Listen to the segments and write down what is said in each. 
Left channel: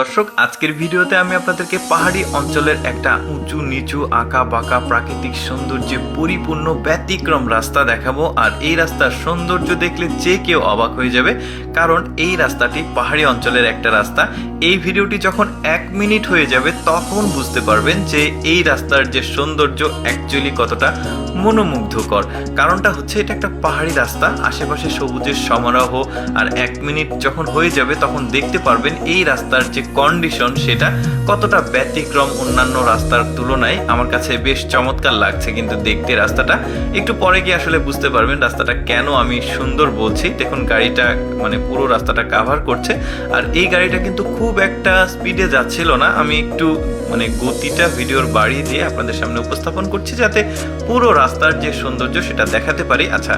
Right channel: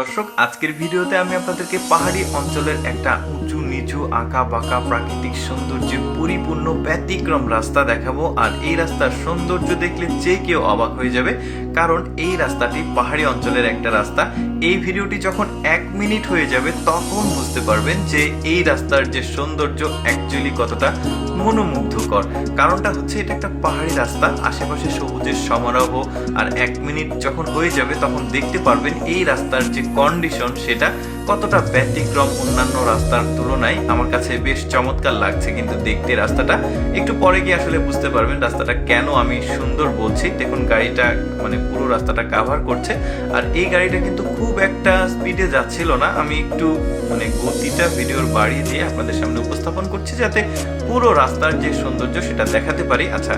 দর্শক, আজকের ভিডিওতে আমি আপনাদেরকে পাহাড়ি অঞ্চলের একটা উঁচু নিচু আঁকা বাঁকা প্রাকৃতিক সৌন্দর্যে পরিপূর্ণ ব্যতিক্রম রাস্তা দেখাবো। আর এই রাস্তার সৌন্দর্য দেখলে যে কেউ অবাক হয়ে যাবে, কারণ এই রাস্তাটি পাহাড়ি অঞ্চলের একটা রাস্তা। এই ভিডিওটি যখন 1 মিনিট হয়ে যাবে তখন বুঝতে পারবেন যে এই রাস্তার যে সৌন্দর্য অ্যাকচুয়ালি কতটা মনোমুগ্ধকর। কারণটা হচ্ছে এটা একটা পাহাড়ি রাস্তা, আশেপাশে সবুজের সমারোহ। আর 1 মিনিট যখন হয়ে যাবে তখন দেখতে পারবেন এই রাস্তার যে কন্ডিশন সেটা কতটা ব্যতিক্রম অন্যান্য রাস্তার তুলনায়। আমার কাছে বেশ চমৎকার লাগছে কিন্তু দেখতে রাস্তাটা। একটু পরে গিয়ে আসলে বুঝতে পারবেন রাস্তাটা কেন আমি সুন্দর বলছি। দেখুন গাড়িটা পুরো রাস্তাটা কাভার করছে, আর এই গাড়িটা কিন্তু খুব একটা স্পিডে যাচ্ছিল না। আমি একটু গতিটা ভিডিওর বাড়িয়ে দিয়ে আপনাদের সামনে উপস্থাপন করছি যাতে পুরো রাস্তার যে সৌন্দর্য সেটা দেখাতে পারি। আচ্ছা,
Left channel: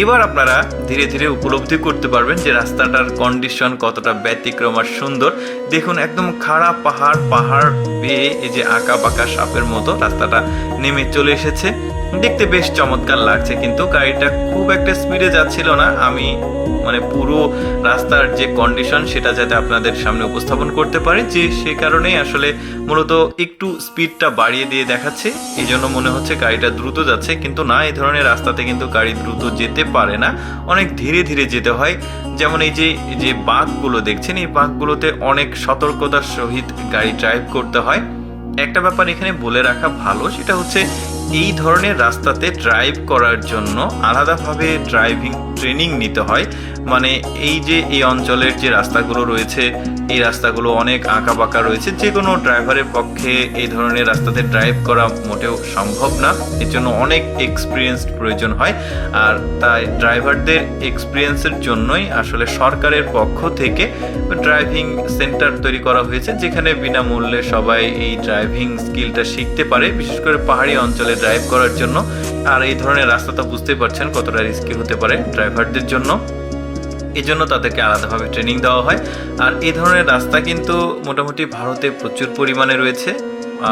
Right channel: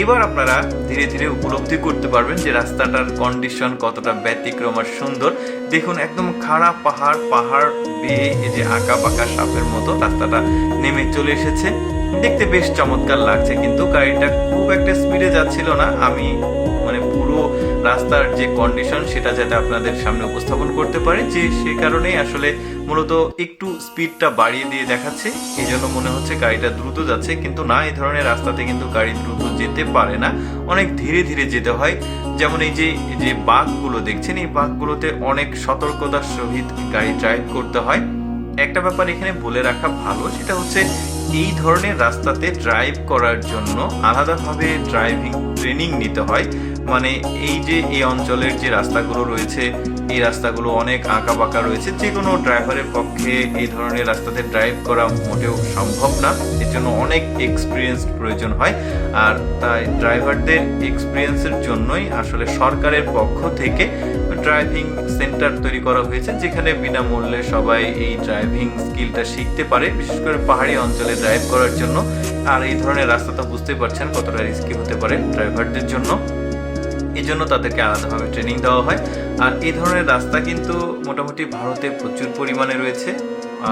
এবার আপনারা ধীরে ধীরে উপলব্ধি করতে পারবেন যে রাস্তাটার কন্ডিশন কতটা ব্যতিক্রম আর সুন্দর। দেখুন একদম খাড়া পাহাড় বেয়ে এই যে আঁকা বাঁকা সাপের মতো রাস্তাটা নেমে চলে এসেছে। দেখতে বেশ চমৎকার লাগছে, কিন্তু গাড়িটা খুব একটা স্পিডে যাচ্ছিল না। আমি পুরো রাস্তার যে কন্ডিশন সেটা যাতে আপনাদের সামনে উপস্থাপন করতে পারি, যে সে কারণেই আসলে মূলত একটু স্পিডটা বাড়িয়ে দিয়ে দেখাচ্ছে। এই জন্য মনে হচ্ছে গাড়িটা দ্রুত যাচ্ছে, কিন্তু না, এই ধরনের রাস্তাতে কিন্তু গাড়ি দ্রুত যেতে পারে না, অনেক ধীরে ধীরে যেতে হয়। যেমন এই যে বাঁকগুলো দেখছেন, এই বাঁকগুলোতে অনেক সতর্কতার সহিত গাড়ি ড্রাইভ করতে হয়। একটা ব্যাপার এখানে বলে রাখা ভালো, সেটা হচ্ছে এই ধরনের রাস্তাতে ড্রাইভ করার জন্য আলাদাভাবে ড্রাইভিং ট্রেনিং নিতে হয়। এই অঞ্চলের যে রাস্তাগুলো রয়েছে, এই রাস্তাগুলো অনেক আঁকা বাঁকা রয়েছে, যে কোনো ড্রাইভারের পক্ষে এই ধরনের রাস্তাতে ড্রাইভ করা মোটেও সম্ভব না। এর জন্য অনেক এক্সপিরিয়েন্স প্রয়োজন হয়। আর তাই ড্রাইভারদের এক্সপিরিয়েন্সের জন্যই আসলে সরকারের পক্ষ থেকে ড্রাইভিং সেন্টার তৈরি করা হয়েছে, যেখানে বিনামূল্যে সবাই এই ড্রাইভিং স্কিলটা শিখতে পারে, বিশেষ করে পাহাড়ি অঞ্চলে ড্রাইভ করার জন্য। আর এই ধরনের রাস্তাটা বুঝতেই পারছেন কতটা রিস্কি হতে পারে ড্রাইভারদের জন্য। এই জন্য তাদেরকে আলাদাভাবে ট্রেনিং দেওয়া হয়। আর এই ধরনের রাস্তা কিন্তু মোটামুটি ভারতে প্রচুর পরিমাণে রয়েছে,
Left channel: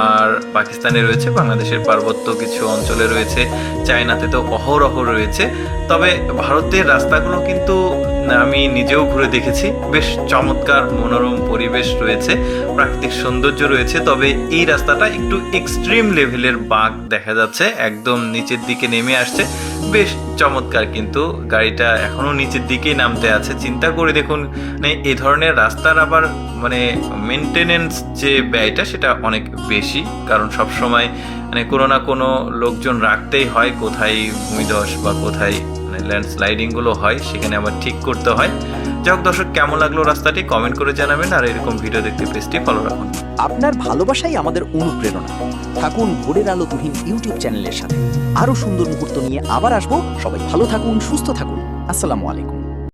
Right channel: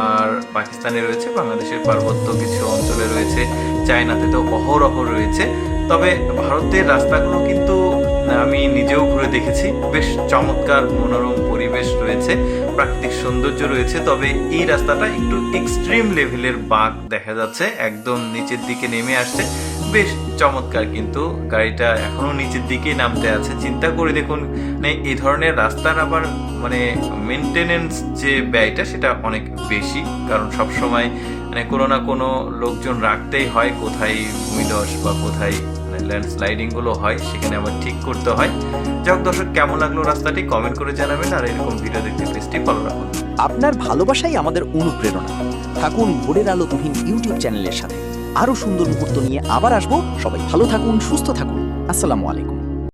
আর পাকিস্তানে রয়েছে, বাংলাদেশের পার্বত্য কিছু অঞ্চলে রয়েছে, চায়নাতে তো অহরহ রয়েছে। তবে ভারতের রাস্তাগুলো কিন্তু আমি নিজেও ঘুরে দেখেছি, বেশ চমৎকার মনোরম পরিবেশ রয়েছে, প্রাকৃতিক সৌন্দর্য রয়েছে। তবে এই রাস্তাটা একটু এক্সট্রিম লেভেলের বাঁক দেখা যাচ্ছে, একদম নিচের দিকে নেমে আসছে, বেশ চমৎকার। কিন্তু গাড়িটা এখনো নিচের দিকেই নামতে আছে। চিন্তা করে দেখুন, এই ধরনের রাস্তার আবার মেনটেনেন্স যে ব্যয়টা সেটা অনেক বেশি, কারণ সবসময় কোনো না কোনো লোকজন রাখতেই হয়। কোথায় ভূমিধস বা কোথায় ল্যান্ডস্লাইডিং গুলো হয়, সেখানে আবার ঠিক করতে হয়। যাই হোক দর্শক, কেমন লাগলো রাস্তাটি কমেন্ট করে জানাবেন, আর এরকম ভিডিও দেখতে পেজটি ফলো রাখুন। আপনার ভালোবাসাই আমাদের অনুপ্রেরণা। থাকুন ভোরের আলো তুহিন ইউটিউব চ্যানেলের সাথে। আরো সুন্দর মুহূর্ত নিয়ে আবার আসবো। সবাই ভালো থাকুন, সুস্থ থাকুন। আসসালামু আলাইকুম।